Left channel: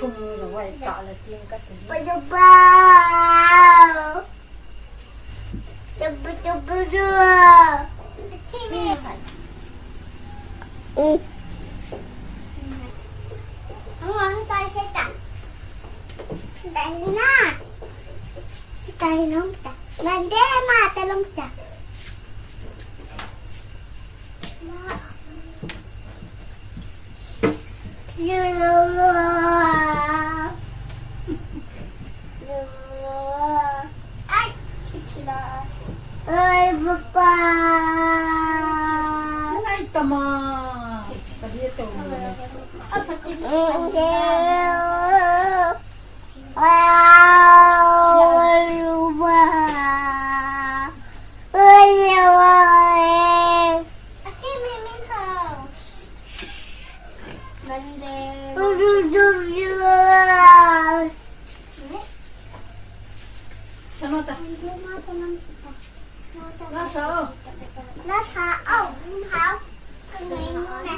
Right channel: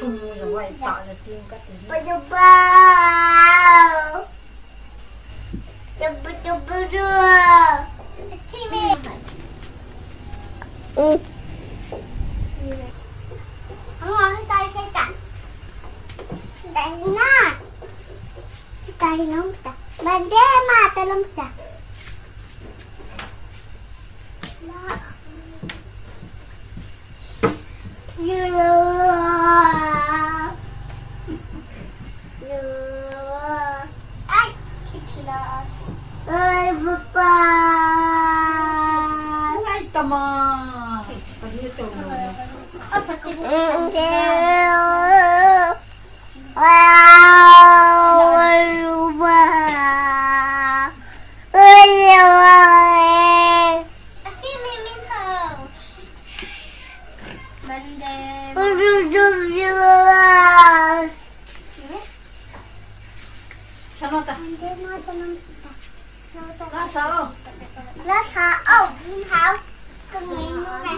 Chung rồi tạo là tiên các thứ. Tay sẽ cắt. Tay nó. Tay nó cắt. Bạn đế mà tay lông cắt. Ơi papa. Ay tama. Tadi tu. Sao ta? Nó sao? Nó sao? Không. Con nhìn luôn nè.